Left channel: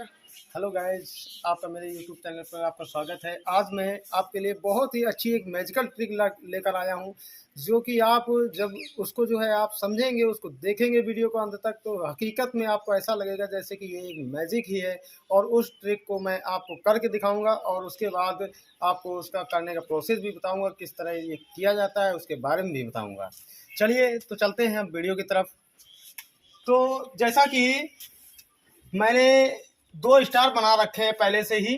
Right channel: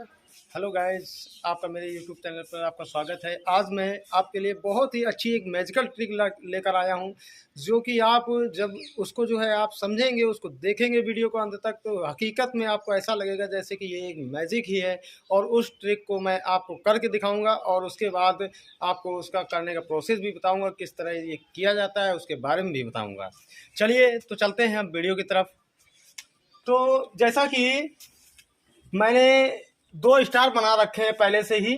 Hello guys, आपका मेरे YouTube channel पर आपका स्वागत है। आज मैं आपके लिए बहुत ही अच्छी एक मैजिकल ट्रिक लेकर आया हूं, जो कि आप जब उसको जो है आप समझेंगे, उसको देखेंगे वीडियो को अंत तक, तो हकीकत में आपको ऐसा लगेगा जैसे कि ये एक मैजिक ही है। और उस ट्रिक को मैं आपको करके दिखाऊंगा और उसके बाद आपको उसका करने का प्रोसेस भी बताऊँगा, किस तरह ये किया जाता है उसके बारे में भी बताऊँगा। चलिए तो चलते हैं हम वीडियो की तरफ। तो जैसा कि मैंने 2 स्टार बना रखे हैं पहले से ही,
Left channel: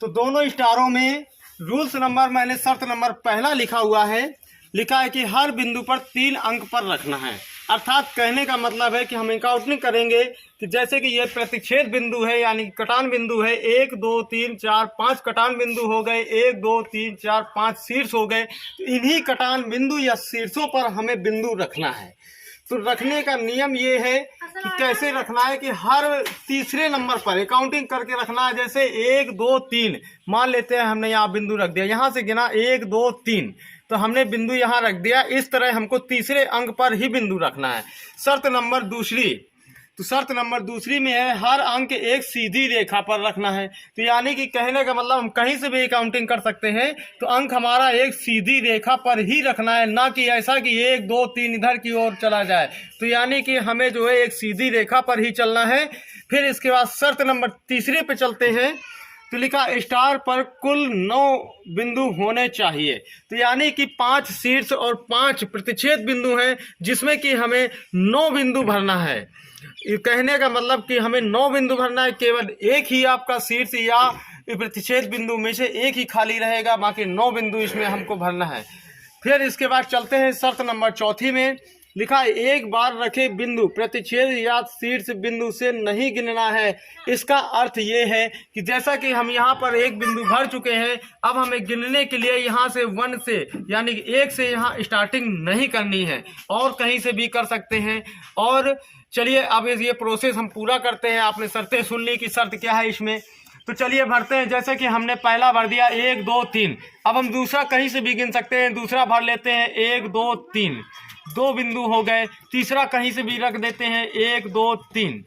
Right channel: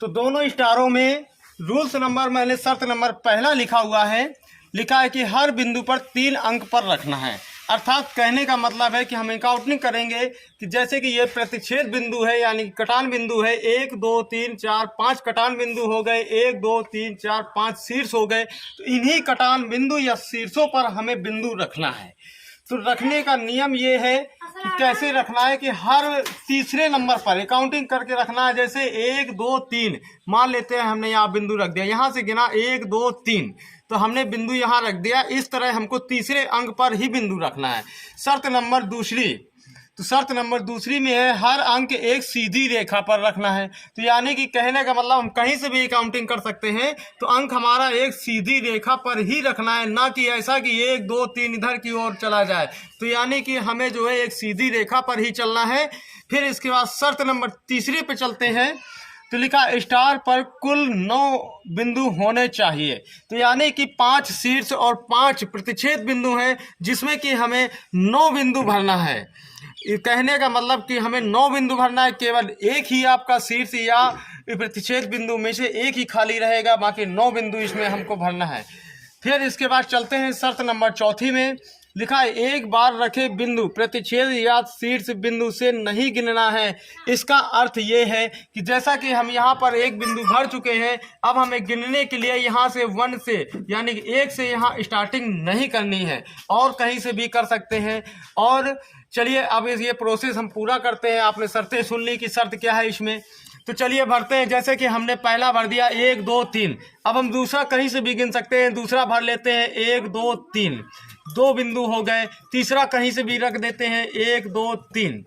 तो दोनों स्टारों में रूल्स नंबर मैंने शर्त नंबर पहला लिखा है कि हर बिंदु पर 3 अंक पर रखना है। अर्थात कहने का मतलब है कि हम काउंटिंग करेंगे कि जैसे कि ये प्रतिच्छेद बिंदु है, यानी कटान बिंदु है। 1 2 3 4 5 कटान बिंदु हो गए, 1 2 3 4 5 शीर्ष हो गए। तो इन्हीं कटान बिंदु या शीर्षों पर हमें बिंदु रखना है। तो रखने का नियम ये है कि कैसे रखना है कि हर तीसरे नंबर पर काउंटिंग करके रखना है। जैसे 1 2 3 मान लेते हैं, हमने यहाँ बिंदु रख दिया, यहाँ से गिना 1 2 3, तो हमने बिंदु यहाँ रख दिया। इस तरह हमको तीसरे अंक पर ही बिंदु रखना है। शर्त नंबर दूसरी में है हर अंक एक सीधी रेखा पर रखना है। तो यानी कि कहने का मतलब हम कहीं से भी काउंटिंग कर सकते हैं, तो अंक हमारा एक सीधी रेखा पर ही रखना है, ना कि ऐसा कि 1 2 3 इधर की ओर चला जाए। तो यानी कि हमें जो है एक सीधी रेखा पर ही चलना है। फिर इसके बाद शर्त नंबर तीसरे पे चलते हैं। तो लिखा स्टार पर कुल 9 बिंदु होने चाहिए। तो यानी कि 5 शीर्ष और 5 प्रतिच्छेद बिंदु हैं, जिसमें कि हमें 9 बिंदु भरना है। कहने का मतलब कि हमें 9 बिंदु भरना है। केवल एक ही आपका शीर्ष या प्रतिच्छेद बिंदु में से एक ही खाली रहेगा, बाकी 9 बिंदु इसमें हमको भरना है। फिर इसके बाद चलते हैं शर्त नंबर चौथी में। लिखा है एक बार रखे बिंदु प्रतिच्छेद या शीर्ष बिंदु से नहीं गिनना है। इसका अर्थ ये है कि जैसा कि हम यहाँ पर एक बिंदु भर चुके हैं, अब हमें गिनने के लिए यहाँ से 1 से यानी कि 1 से यहाँ स्टार्टिंग नहीं करनी है, और कहीं से भी कर सकते हैं। और चलिए अब ये प्रोसेस हम पूरा करते हैं। आपने शर्तें सुन ली कि शर्त क्या है इसमें, तो चलिए भरते हैं। जैसे कि हमने पहला भर दिया 1 2 3, अब हम दूसरा कहीं से भी गिन सकते हैं। दूसरा भर लेते हैं 1 2 3, 2 बिंदु हो गए। तीसरा कहीं से भी रख देते हैं 1 2 3,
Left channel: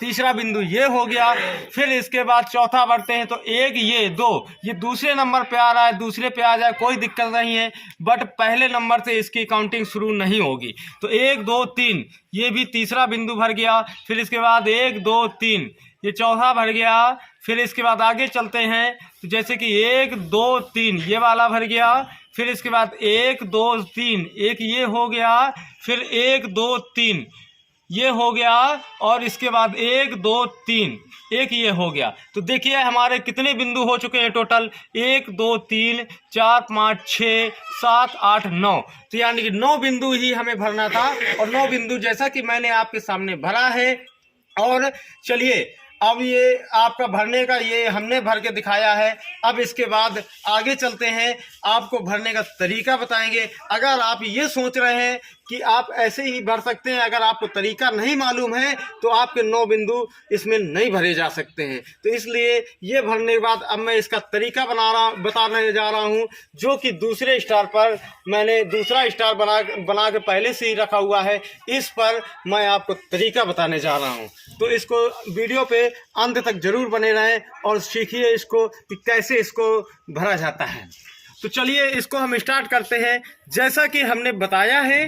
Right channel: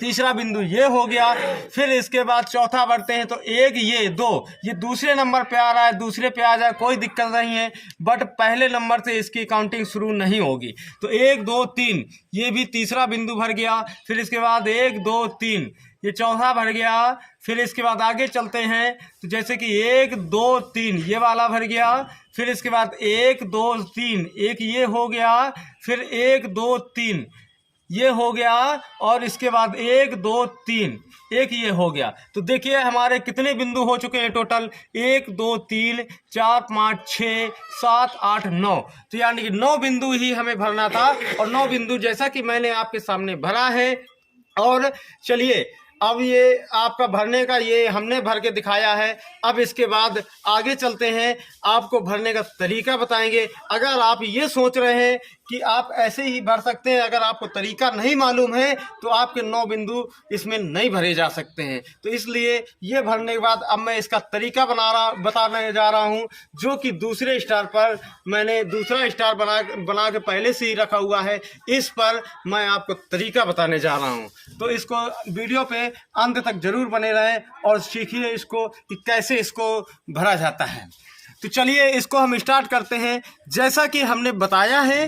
तीसरा बिंदु ये हो गया। फिर इसके बाद चौथा भरते हैं, तो 1 ये 2, ये दूसरे नंबर पे आ रहा है, दूसरे पे आ जाए कोई दिक्कत नहीं है, बट पहले नंबर से इसकी काउंटिंग शुरू नहीं होगी। तो 1 2 3 ये भी तीसरा बिंदु भर गया। फिर इसके बाद 1 2 3 ये चौथा भर गया। फिर इसके बाद आगे चलते हैं, तो जैसे कि 1 2 3 ये वाला भर गया। फिर इसके बाद 1 2 3 एक ये हो गया। फिर 1 2 3 ये हो गया, और इसके बाद 1 2 3 एक ये हो गया। तो देखिए हमारे कितने बिंदु हो चुके हैं टोटल, 1 2 3 4 5 6 7 8 9। तो यानी कि 9 बिंदु ही हमें भरना था, और 9 बिंदु जैसा कि मैंने आपके सामने भरा है। और चलिए अब ये आपका भरने का ये हमने भर के दिखाया है। अब इसके बाद आगे चलते हैं, आपको भरने का तरीका बताएंगे। अगर आप ये सोच रहे हैं कि आप ऐसे ही भर सकते हैं, अगर आपको तरीका नहीं मालूम है, तो आपके 9 बिंदु इसमें नहीं भरे जा सकते हैं। तो इसलिए ये भरने के बाद अब मैं इसका तरीका बताने जा रहा हूँ, जो कि दूसरे स्टार पर मैंने दूसरा स्टार बना के पहले से ही रखा हुआ है। इस पर मैं आपको तरीका बताने जा रहा हूँ, तो इसको वीडियो पे अंत तक जरूर बने रहें और सीखिए इसको कि कैसे इसको भरा जाता है। तो चलिए इसको हम स्टार्ट करते हैं। जैसा कि हमने बताया है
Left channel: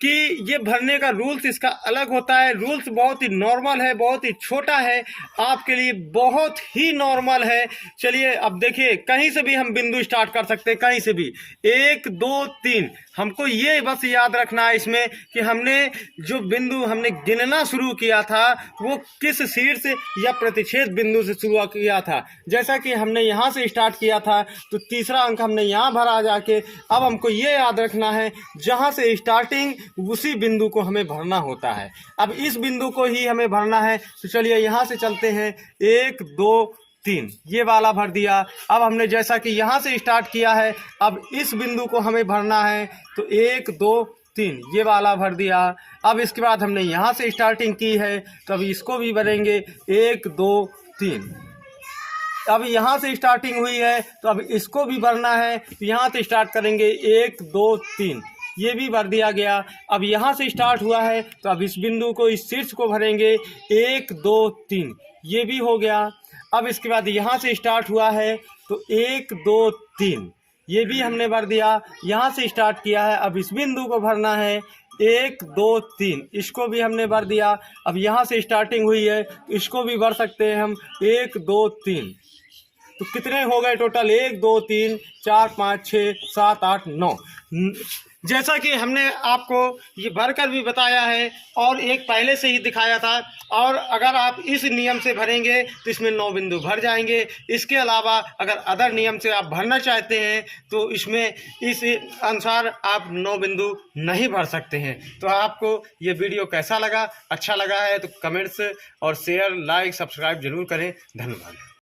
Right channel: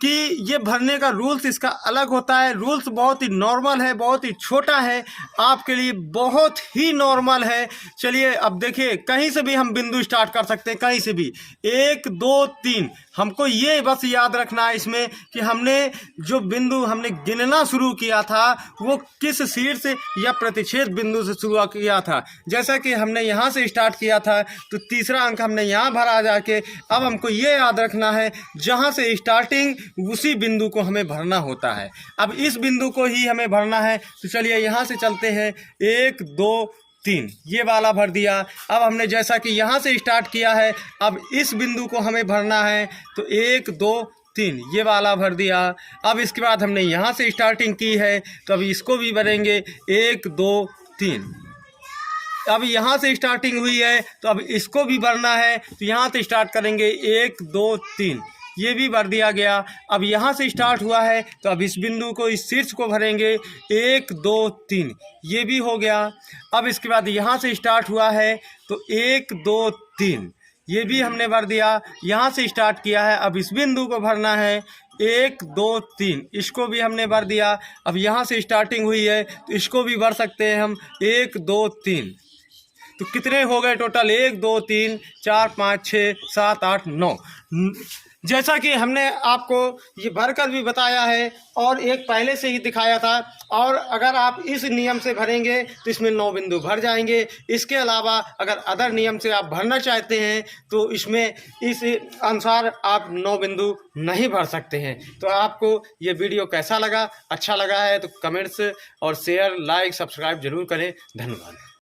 कि ये भरने का रूल्स इसका अलग होता है। रूल्स बहुत ही नॉर्मल है, बहुत ही छोटा है, आपके लिए बहुत ही नॉर्मल है। चलिए अब देखिए, कहीं से भी हम बिंदु स्टार्ट कर सकते हैं, कहीं से भी 1 2 3। हमको ये बस याद रखना है इसमें कि हमने जो बिंदु हमने गिनना शुरू किया था, वो किस शीर्ष या प्रतिच्छेद बिंदु से शुरू किया था। जैसा कि हमने यहाँ से स्टार्ट किया था, तो तीसरा अंक हमने यहाँ भरा जाके। अब हमको ये याद रखना है, जहाँ से स्टार्टिंग उसी बिंदु को हमें भरना होता है। अब इस बिंदु को ही हमें भरना है। तो चलिए यहाँ से चलते हैं, 1 2 3 ये वाला भर दिया। अब हमने जैसा कि यहाँ से स्टार्ट किया है, अब इस बिंदु को हमें भरना है। तो 1 2 3 ये वाला भर दिया। अब इसके बाद हमने यहाँ से स्टार्टिंग की है, तो अब इसको भी भरेंगे 1 2 3। अब यहाँ से स्टार्टिंग हुई है, तो अब इसको भी भरना है। तो यहाँ से स्टार्ट करेंगे 1 2 3, ये भी भर दिया गया। अब यहाँ से स्टार्ट हुआ है तो अब इस बिंदु को, इस शीर्ष को भरेंगे 1 2 3, ये भी हो गया। अब इसके बाद यहाँ से स्टार्ट हुआ है तो 1 2 3, ये भी हमने भर दिया। यहाँ से स्टार्ट किया है, अब इस बिंदु को भरना है 1 2 3, इसको भी हमने भर दिया। अब यहाँ से स्टार्टिंग हुई है तो इसको भी भर सकते हैं हम 1 2 3। तो कितने हो गए टोटल? 1 2 3 4 5 6 7 8 9। जैसा कि हमने आपको ये भरकर भी बताया है और एक पहले से ही दिखाया था। और अगर आप इस नियम से भरेंगे तो इसमें 9 बिंदु भर जाएंगे। इसके अलावा अगर अदर नियम से आप भरना चाहते हैं तो इसमें इस अनुसार आप 9 बिंदु नहीं भर सकते हैं। तो आपको ये वीडियो कैसा लगा? अच्छा लगा है तो कमेंट्स और शेयर, लाइक, सब्सक्राइब जरूर करें। धन्यवाद।